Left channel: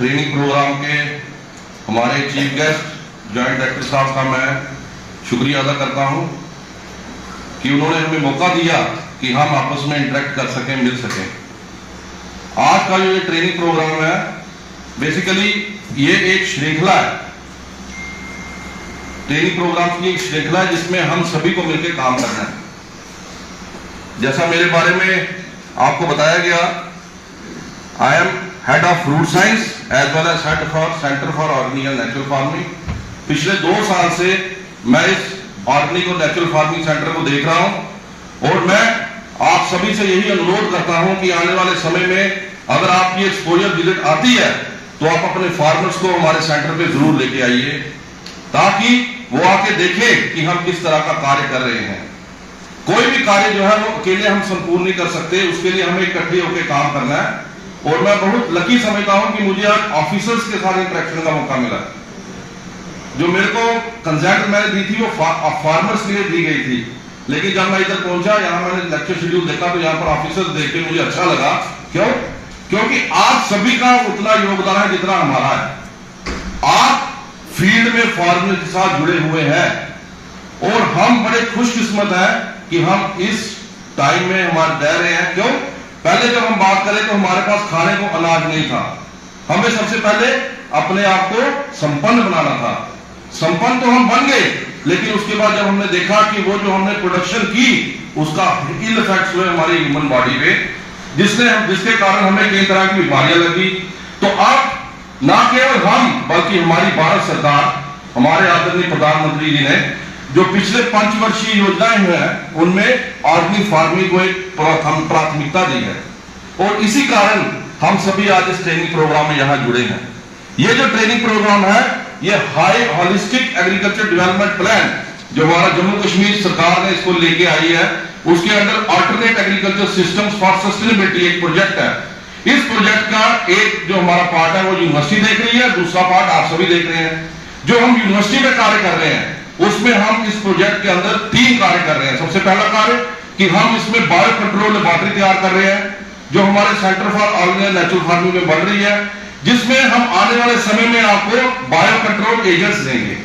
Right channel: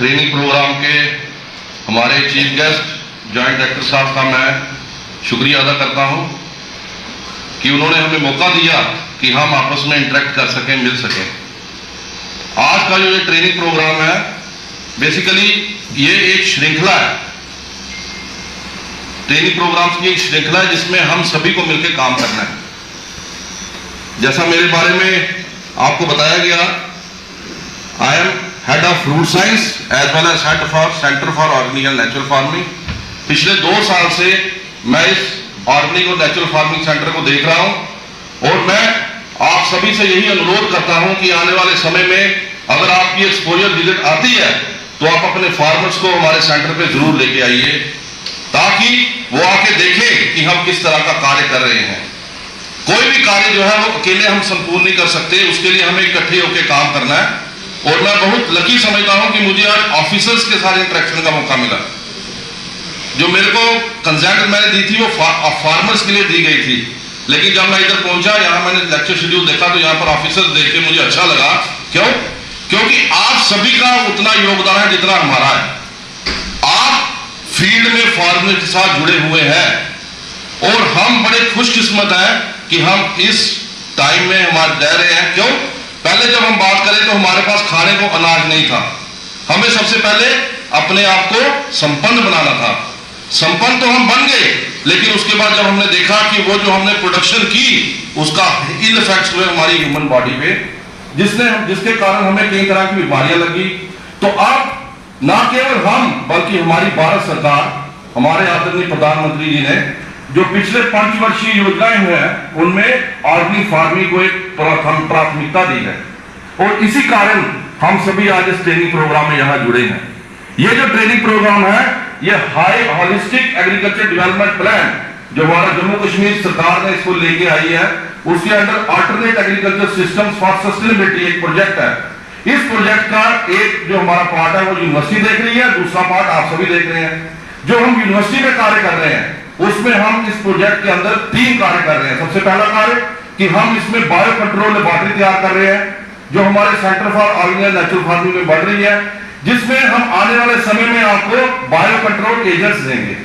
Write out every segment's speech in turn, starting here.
Training programme के हमारे chief guest joint director साहब का मैं शुक्रिया अदा करता हूं कि उन्होंने हमें मौका दिया कि हम आपस में इंटरेक्ट कर सकें, मिल सकें। आज का जो ये ट्रेनिंग प्रोग्राम है बेसिकली ये एक श्रृंखला है, ट्रेनिंग प्रोग्राम्स की एक श्रृंखला है जिसमें हम सभी को मिलकर काम करना है। जैसा मेरे बारे में आपको बताया गया, I am head of fruit science as well as head for centre for organic and natural farming. पिछले 2 साल से मैं इस ऑर्गेनिक और नेचुरल फार्मिंग सेंटर को देख रहा हूं और मैं आप सभी से यही अनुरोध करता हूं कि आने वाले समय में अगर आपकी एक्सपोजर विजिट आती है तो आप अपने फार्मर्स को हमारे सेंटर पे जरूर लेके आइए ताकि वो आके देखें कि हम किस तरह का कार्य कर रहे हैं। कोई भी कार्य जो है वो अकेले हम संपूर्ण नहीं कर सकते, उसके लिए हमें इकट्ठे होकर काम करना है। और मैं बहुत लकी समझता हूं कि मुझे आज ऑफिसर्स के साथ इंटरेक्शन का मौका मिला। जो मेरे को कंसेंट मैंने दी थी वो फार्मर्स के लिए दी गई थी, लेकिन जब मैं इधर पहुंचा, यहाँ मैंने लेक्चर शेड्यूल देखा तो यहाँ पर ऑफिसर्स देख के मुझे अच्छा लगा। क्यों? क्योंकि आप सभी का उतना योगदान है जितना हमारा है। आप फील्ड में फार्मर के साथ जुड़े हुए हैं और हम बड़े खुशकिस्मत हैं कि हम इस टाइम में हमारे रह रहे हैं। क्यों? पहले जब हम बात करें तो हमारे पास खाने को अनाज नहीं था। हमें सबसे पहले अपने आप को संपन्न बनाना था। संपन्न तो हम बन गए, लेकिन उसके बाद जब हमने देखा कि वो जो हमने प्रोडक्शन की उसका इल इफेक्ट्स हुए हमारी ह्यूमन बॉडी पे, जिसके कारण हमें कई तरह की बीमारियां लगी। तो अब ना केवल हम बल्कि हमारी भारत सरकार, हमारे आदरणीय प्रधानमंत्री जी ने जो पिछले 5 वर्षीय योजनाएं हैं उनमें ऑर्गेनिक फार्मिंग को एक प्राथमिकता दी है और इसी कारण हम सभी आज इस ट्रेनिंग प्रोग्राम में यहां जुड़े हैं। ये जो ट्रेनिंग प्रोग्राम है ये high holistic agriculture development plan जो हमारा जम्मू कश्मीर सरकार ने इसको लेके आई है, उसके under alternate agriculture systems for sustainability एक प्रोजेक्ट है। इस प्रोजेक्ट का एक जो हमारा पार्ट है वो यूनिवर्सिटी देख रही है, दूसरा पार्ट आप सभी देख रहे हैं। जो हम यूनिवर्सिटी में कार्य कर रहे हैं उसमें हम इस प्रोजेक्ट के अंदर 3 कार्य कर रहे हैं। सबसे पहला कार्य कि हम इसमें बायो कंट्रोल लेबोरेटरी तैयार कर रहे हैं जो हमारे centre for organic and natural farming में बढ़ रही है, जिसमें हम आने वाले समय में आपको बायो कंट्रोल एजेंट्स देंगे।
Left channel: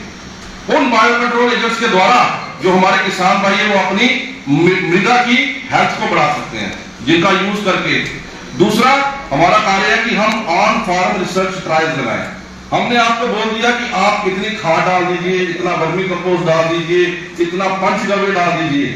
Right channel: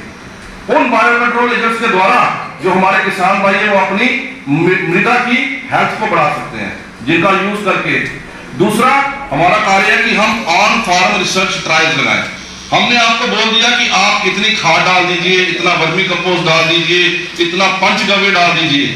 उन बायो कंट्रोल एजेंट्स के द्वारा जो हमारे किसान भाई है वो अपनी मृदा की हेल्थ को बढ़ा सकते हैं जिनका यूज करके। दूसरा हमारा कार्य है कि हम ऑन फार्म रिसर्च ट्रायल्स लगाएं। हमने आपको बोल दिया कि आप इतनी खाद डाल दीजिए, इतना वर्मी कंपोस्ट डाल दीजिए, इतना पंचगव्य डाल दीजिए,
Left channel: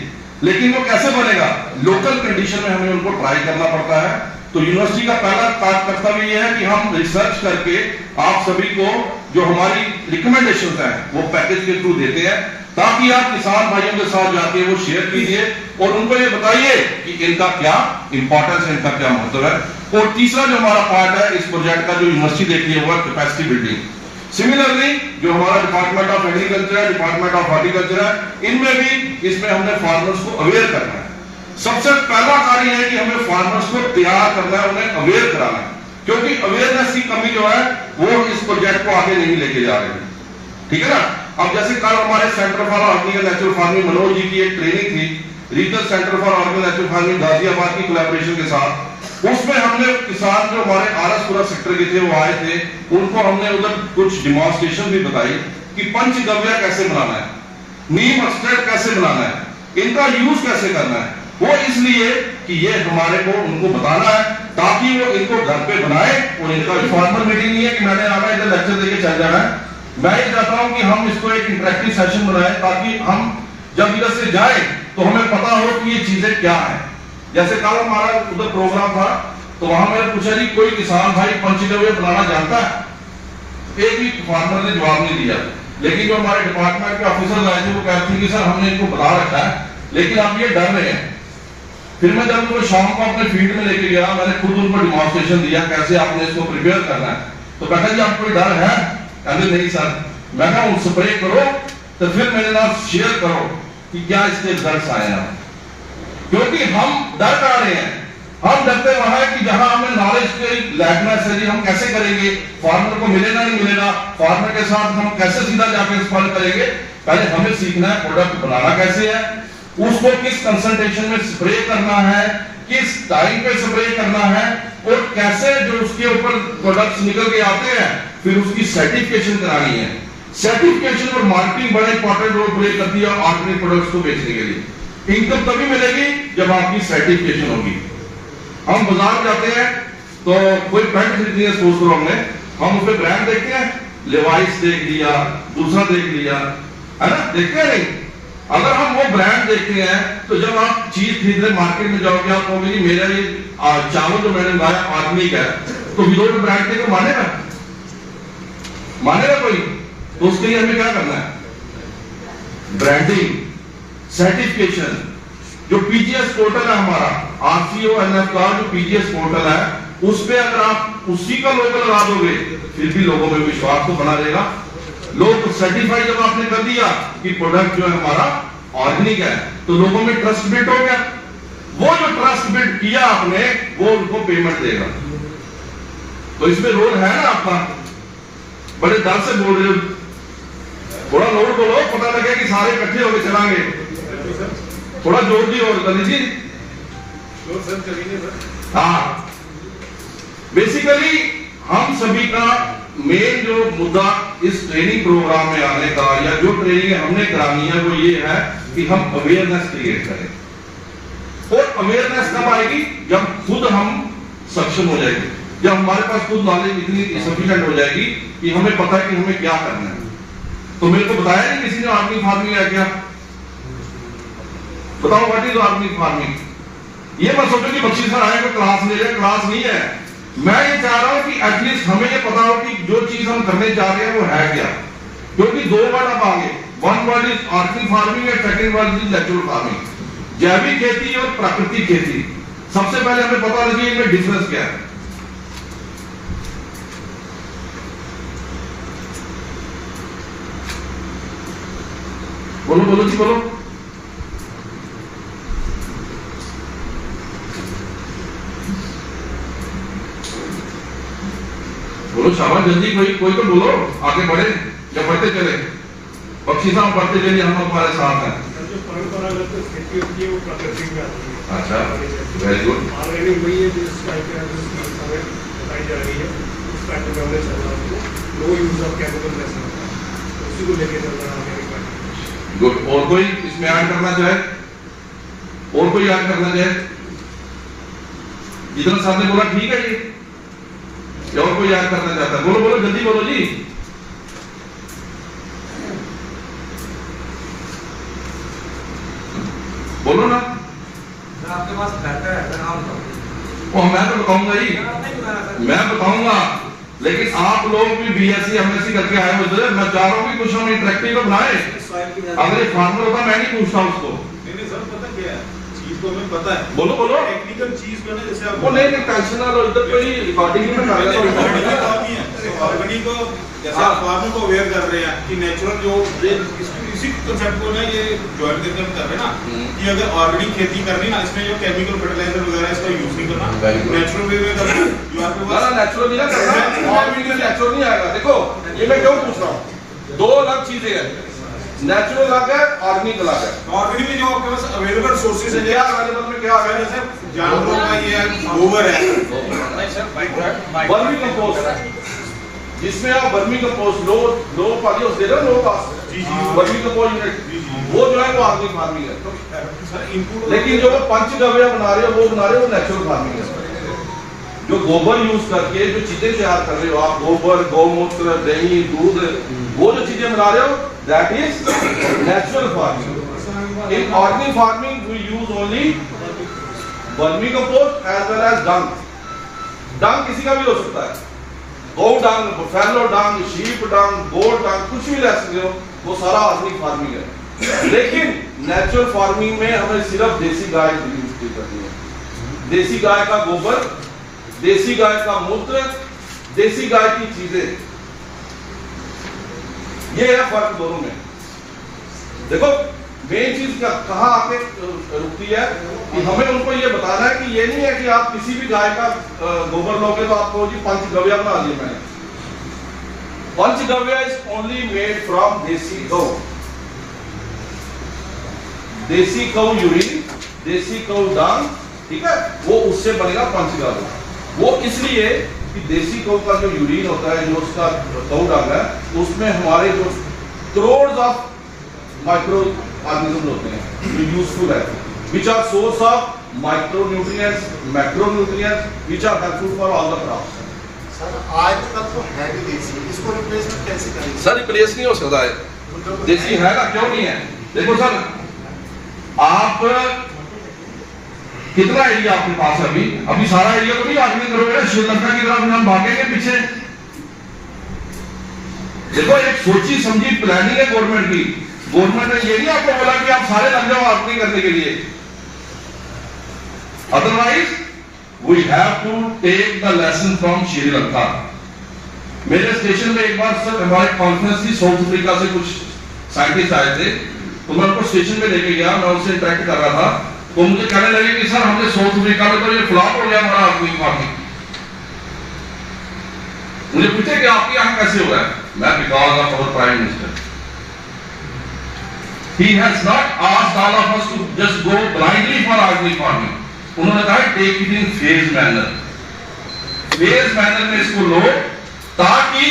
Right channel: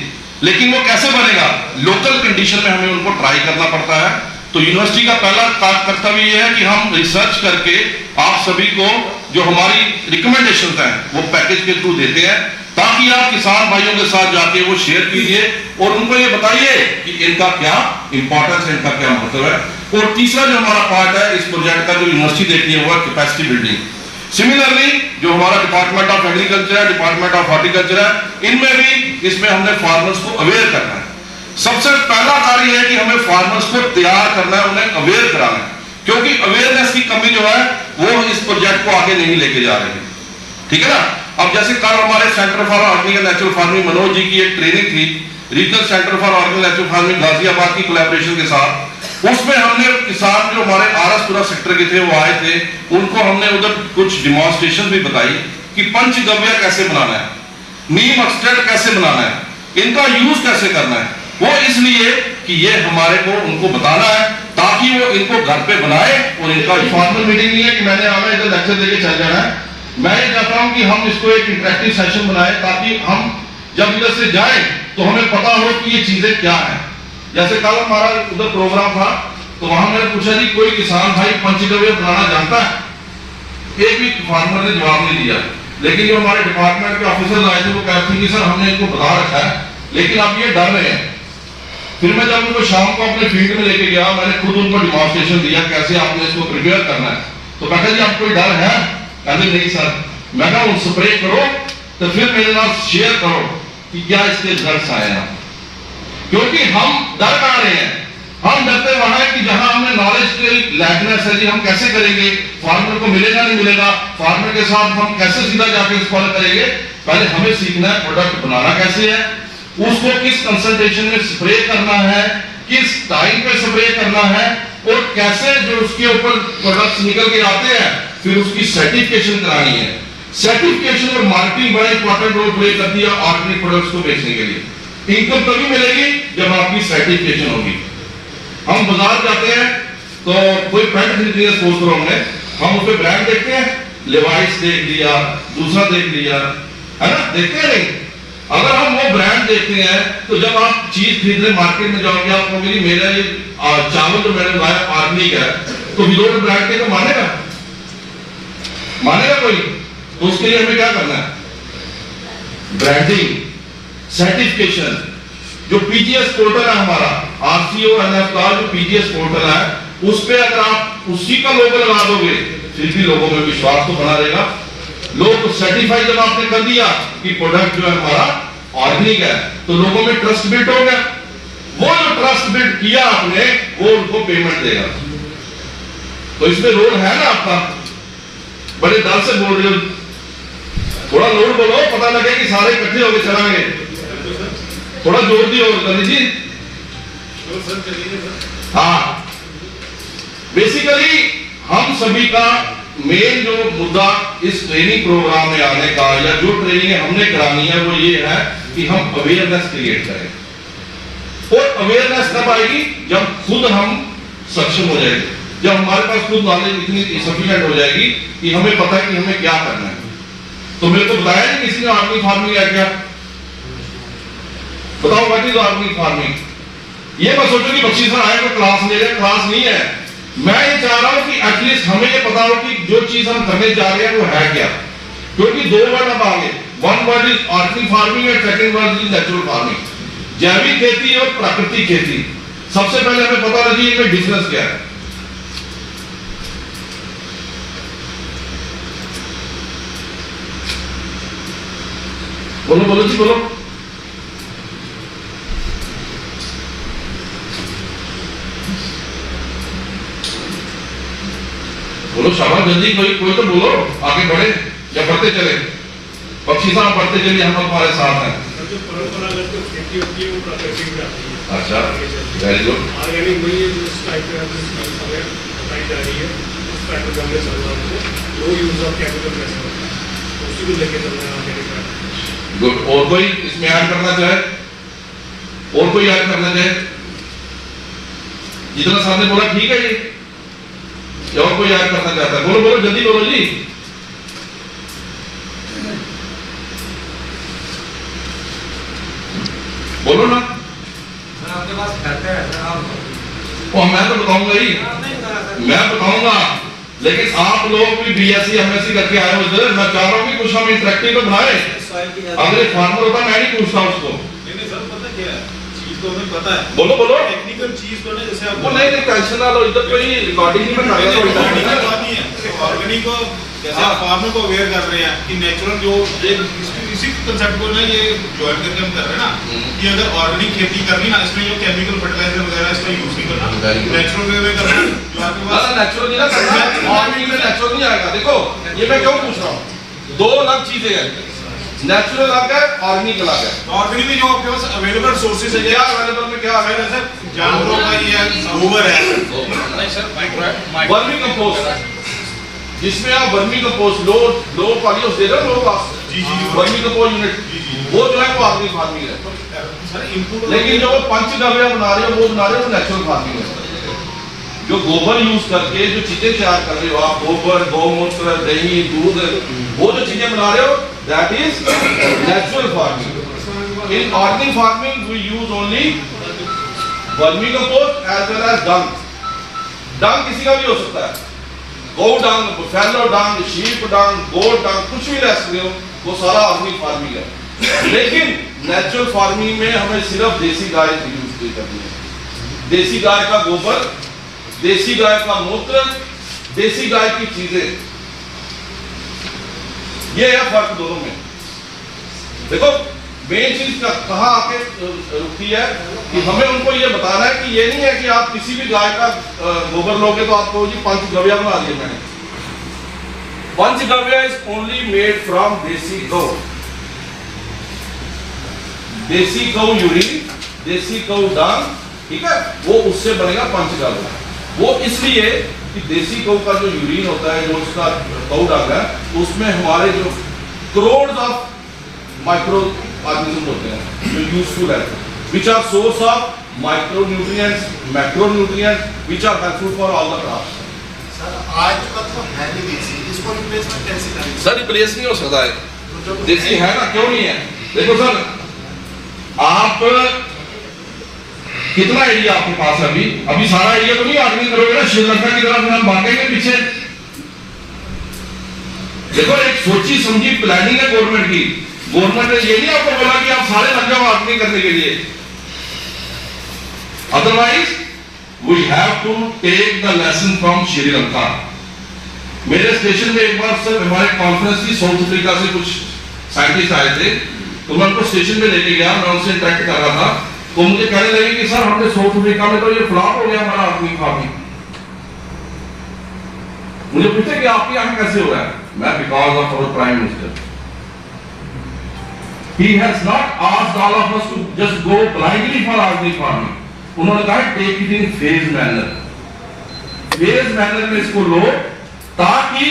लेकिन वो कैसे बनेगा? लोकल कंडीशन में हमें उनको ट्राई करना पड़ता है। तो यूनिवर्सिटी का पहला कर्तव्य यह है कि हम रिसर्च करके आप सभी को जो हमारी रिकमेंडेशंस हैं वो पैकेज के थ्रू देते हैं ताकि आप किसान भाइयों के साथ जाके वो शेयर कीजिए और उनको ये बताइए कि इनका क्या इंपॉर्टेंस है, इनका क्या महत्व है। और तीसरा जो हमारा पार्ट है इस प्रोजेक्ट का जो यूनिवर्सिटी देखनी है वो है कैपेसिटी बिल्डिंग। सिमिलरली जो हमारा डिपार्टमेंट ऑफ एग्रीकल्चर है, डिपार्टमेंट ऑफ हॉर्टिकल्चर है, इनमें भी इसमें हमने फार्मर्स को अवेयर करना है। सबसे पहला कार्य है कि हमें फार्मर्स को तैयार करना है, उन्हें अवेयर कराना है, क्योंकि अवेयरनेस की कमी जो है वो इस प्रोजेक्ट को आगे नहीं लेके जा रही है। ठीक है ना? अब जैसे कल हमारे centre for organic and natural farming Manoj ji की एक ट्रेनिंग थी regional centre for organic natural farming Ghaziabad की कोलैबोरेशन के साथ। उसमें हमने किसान जो हमारे आरएसपुरा सेक्टर के थे वो आए थे, उनको हमने उधर कुछ डिमॉन्स्ट्रेशन भी बताई कि पंचगव्य कैसे बनाना है, नीम एक्सट्रैक्ट कैसे बनाना है, इनका यूज कैसे करना है। वो इसलिए कि ये हमारे को उनको बताना है ताकि वो इनको घर पे बनाए और इनका फॉर्मल मीटिंग नहीं है कि मैंने आना इधर लेक्चर देके चल जाना है। मैं ये चाहता हूं कि हम इसको एक इंटरेक्टिव सेशन बनाए ताकि हम जब इधर से जाए तो हमें पता हो कि ये चीजें क्या है। जैसे कल हमारा उधर प्रोग्राम था तो वहां मैंने पूछा जी कोई किसान भाई पंचगव्य बनाना जानता है? एक भी फार्मर ने जवाब नहीं दिया। लेकिन जो हमारे डिपार्टमेंट के ऑफिसर्स आए थे वो कहते थे कि सर हमने इनको बता रखा है लेकिन अब ये डर रहे हैं। फिर मैं जब उनको शाम को अपने फील्ड में लेके गया, मैंने खुद उनको डिमॉन्स्ट्रेशन दिया कैसे आपने इसको प्रिपेयर करना है। तो कहते जी आपको कोई डर है? कहते नहीं सर। मैं कहा स्प्रे करो तो फिर मेरे साथ शेयर करो कि क्या इसके रिजल्ट्स आए हैं, क्योंकि हम डर कर रहे हैं। हम डरते वहां कि जहां हमें नॉलेज की लैकनेस है जी हम कैसे करेंगे, फार्मर को मिलेगा नहीं मिलेगा, फार्मर के साथ हम कैसे सीधा जाके फॉलो करेंगे। पहले हमें सीखना है प्रोडक्ट बनाना कैसे है, उसको किस कंसंट्रेशन में स्प्रे करना है, किस टाइम पे स्प्रे करना है, और कैसे जो उसके ऊपर प्रोडक्ट्स निकल के आते हैं, फिर उसकी सर्टिफिकेशन करानी है। सर्टिफिकेशन और मार्केटिंग बड़ा इंपॉर्टेंट रोल प्ले करती है ऑर्गेनिक प्रोडक्ट्स को बेचने के लिए। इनकम तभी मिलेगी जब आपकी सर्टिफिकेशन होगी। हम बाजार जाते हैं तो कोई पैंट खरीदनी है, सपोज करो हमने, हम उस पर ब्रांड देखते हैं, लेवाइस देख लिया, दूसरा देख लिया, है ना, देखते हैं नहीं। अगर हम वो ब्रांड देखते हैं तो जब आप चीज खरीदने मार्केट में जाओगे, आप कहोगे कि मेरा ये चावल जो मैंने उगाया ऑर्गेनिक है, तो विदाउट ब्रांड के को मानेगा कोई? तो उसके लिए हमें क्या करना है? Branding, certification. जो पीजीएस पोर्टल है हमारा, RCONF का जो पीजीएस पोर्टल है, उस पे अगर आप उसी का लोगो लगा दोगे, फिर भी लोगों में विश्वास तो बना रहेगा। लोग सर्टिफाई जब आपने कर दिया कि प्रोडक्ट जो है हमारा ऑर्गेनिक है, तो लोगों में ट्रस्ट बिल्ड हो गया। वो जो ट्रस्ट बिल्ड किया आपने, वो उनको पेमेंट देगा। तो इसमें रोल है ना आपका। बड़े दल से बोल रहे हो, थोड़ा लोड बोलो, पता लगे कि सारे इकट्ठे होकर चलाएंगे। थोड़ा जोर दी और कर लीजिए। हाँ, बेसिकली हम सभी का मेन जो मुद्दा इस ट्रेनिंग प्रोग्राम में आने का, या जो ट्रेनिंग हमने करानी है, वो ये है कि हम अवेयरनेस क्रिएट करें। और अवेयरनेस कब आएगी? जब खुद हम सक्षम हो जाएंगे, जब हमारे पास खुद नॉलेज इतनी सफिशिएंट हो जाएगी कि हमें पता है कि हमें क्या करना है। तो मेरे को बताया नहीं किसी ने ऑर्गेनिक फार्मिंग है क्या? बताओ व्हाट इज ऑर्गेनिक फार्मिंग। ये मत सोचो कि बख्शी सर आए क्लास ले रहे, क्लास नहीं है। मैं ये चाह रहा हूं कि एटलीस्ट हमें ये पता हो कि जो चीज हम करने जा रहे हैं वो है क्या। क्योंकि दो वर्ड अब आगे, one word is organic farming और second word is natural farming. जैविक खेती और प्राकृतिक खेती। सबसे पहले हमें पता होना चाहिए इनमें डिफरेंस क्या है। बोलो बोलो जी बोलो। बोलो शाबाश, जल्दी कोई तो बोलो, आगे बढ़े या बढ़ते चले। पक्षी साहब बढ़ते चलिए, हम तुम्हारे साथ हैं। जो परंपरागत जो खेती होती है वो प्राकृतिक में आती है। अच्छा, वेरी गुड। ऑर्गेनिक वही है जो इस टाइप का हमें बताई जा रही है, उस टाइप का हमने समझा को लो यूज ऑफ केमिकल कैसे होता है, तो उसी को लेके चल रहे हैं ऑर्गेनिक। गुड। और कोई इसमें ऐड करना चाहे? और कोई ऐड करना चाहे? जितना सामने बोला ठीक है जी, या और कोई ऐड करना चाहता है? बोलो बोलो जल्दी बोलो जी। बोलो ना। मैं आपके पास घर का एड्रेस वो मैं तो बताऊंगा ही, मैं बताऊंगा, लेकिन आप लोग भी बीएससी एमएससी करके आए हो इधर। मैं चाह रहा हूँ कि कुछ हम इंटरेक्टिव तो बनाए। अगर फार्मर होता मैं नहीं पूछता उसको। नहीं सर, पता क्या है, चीज तो हमें पता है। बोलो बोलो। टेक्निकल चीज तो नहीं, जैसे आप वो नहीं टेंशन ना लो, इधर कोई रिकॉर्डिंग नहीं बना रहा है। ऑर्गेनिक को जैसे आप फार्मर को अवेयर कर रहे हैं कि नेचुरल जो ये इसी कंसेप्ट को ना ये ज्वाइन करके हम कर रहे हैं ना, कि अगर ऑर्गेनिक खेती करनी ना, इसमें जो केमिकल फर्टिलाइजर वगैरह इसका यूज नहीं करना, नेचुरल वे में करना। जो आपके पास नेचुरल नहीं ना करना, ऑर्गेनिक में नेचुरल नहीं आएगा। देखो ये मैं क्यों पूछ रहा हूँ, दो अलग चीजें हैं। नेचुरल अलग है, ऑर्गेनिक अलग है। ऑर्गेनिक में जो आपके पास अवेलेबल सोर्सेज है, क्या अवेलेबल में क्या है? जैसे जानवरों का ये गोबर है, वर्मी कंपोस्ट, जिसमें आप वर्मी कंपोस्ट लो पाली दे रहे हो, पास वर्मी कंपोस्ट यूनिट, वो जो है वो ऑर्गेनिक फार्मिंग है। लेकिन जो पंचगव्य बना रहे हो, वो बना रहे हो नेचुरल फार्मिंग है। जो गोबर यूज करके जो चीजें तैयार कर रहे हो आप, गोबर, गौमूत्र, दही, दूध, वो जो चीजें बना रहे हो, that is natural farming. In organic farming we use only vermicompost as well as dung. Dung किसी का भी हो सकता है, गौ डंग, फैलो डंग, शीप डंग, गोट डंग, कुछ भी ले सकते हो, वो सारा ऑर्गेनिक फार्मिंग है। लेकिन नेचुरल फार्मिंग में हमें सिर्फ देसी गाय यूज करनी है। देसी गाय का गोबर, देसी गाय का मूत्र, देसी गाय की चीजें, ये है फर्क दोनों में। देखो मेन चीज कहां आके रुकती है कि हमें उनको ये बताना है कि ये नहीं है कि आप किसी भी गाय का गोबर लोगे तो आपको जी पंचगव्य बना दिया मैंने। पंचगव्य इज ओनली मेड फ्रॉम देसी गौ, देसी गौ यूरिन, देसी गौ डंग, ठीक है, वो उससे बनेगा पंचगव्य। वो इसलिए कि देसी गौ का जो यूरिन होता है, जो उसका गौ डाल है, उसमें हमारे जो करोड़ ऑफ माइक्रो ऑर्गेनिज्म होते हैं जो यूजफुल है, which are source of micro nutrients, macro nutrients, which are helpful for all the crops. Sir आज का तो है भी देसी, इसको रिप्लेसमेंट कैसे करेंगे? सर रिप्लेस नहीं हो सकता है, देसी है ना, क्यों नहीं है? देखो सर, आप कितना एरिया आपके पास है अभी सारा एरिया को नहीं ऑर्गेनिक करोगे ना, श्रीलंका की तरफ हम भागेंगे पीछे। देखो एक सोची समझी प्लानिंग है गवर्नमेंट की। गवर्नमेंट ने ये नहीं आपको बोला कि आप सारे लग जाओ ऑर्गेनिक करने के लिए, otherwise we have to take the lesson from Sri Lanka. मेरे स्टेशन में एक बार सर हमारे कॉन्फ्रेंस की साउथ अफ्रीका से कुछ साइंटिस्ट आए थे, तो मैं उनको स्टेशन पे लेके गया, मैं उनसे इंटरेक्ट कर रहा था, तो मुझे कहने लगे कि सर हमने साउथ अफ्रीका में तो ये फ्लॉप हो गया हमारा ऑर्गेनिक फार्मिंग। मुझे पूछे कि आपके यहाँ कैसे हुआ है? मैं because of our prime minister, he has not asked all of us to just go blindly for organic farming. उन्होंने कहा take it in phase manner, phase manner में इसको लो, ताकि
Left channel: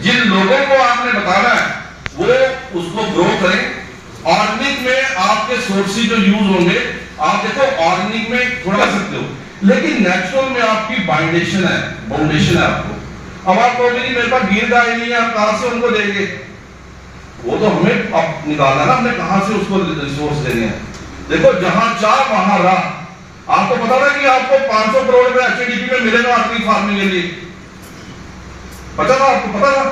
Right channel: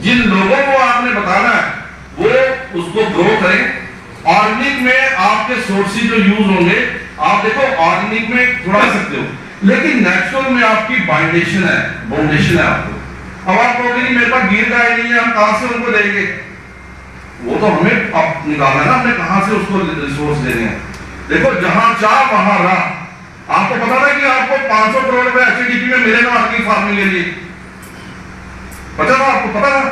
जिन लोगों को आपने बताना है वो उसको ग्रो करें। ऑर्गेनिक में आपके सोर्सेज जो यूज होंगे, आप देखो ऑर्गेनिक में थोड़ा सकते हो, लेकिन नेचुरल में आपकी बाउंडेशन है, बाउंडेशन है आपको। अब आप कहोगे कि मेरे पास गिर गाय नहीं है, हम कहां से उनको देंगे? वो तो हमें अब निकालना है ना, हमने कहां से उसको रिसोर्स देने हैं। देखो जहां चाह वहां राह। आपको पता था कि आपको 500 करोड़ रुपए एचडीपी में मिलेगा ऑर्गेनिक फार्मिंग के लिए? पता था आपको? पता था?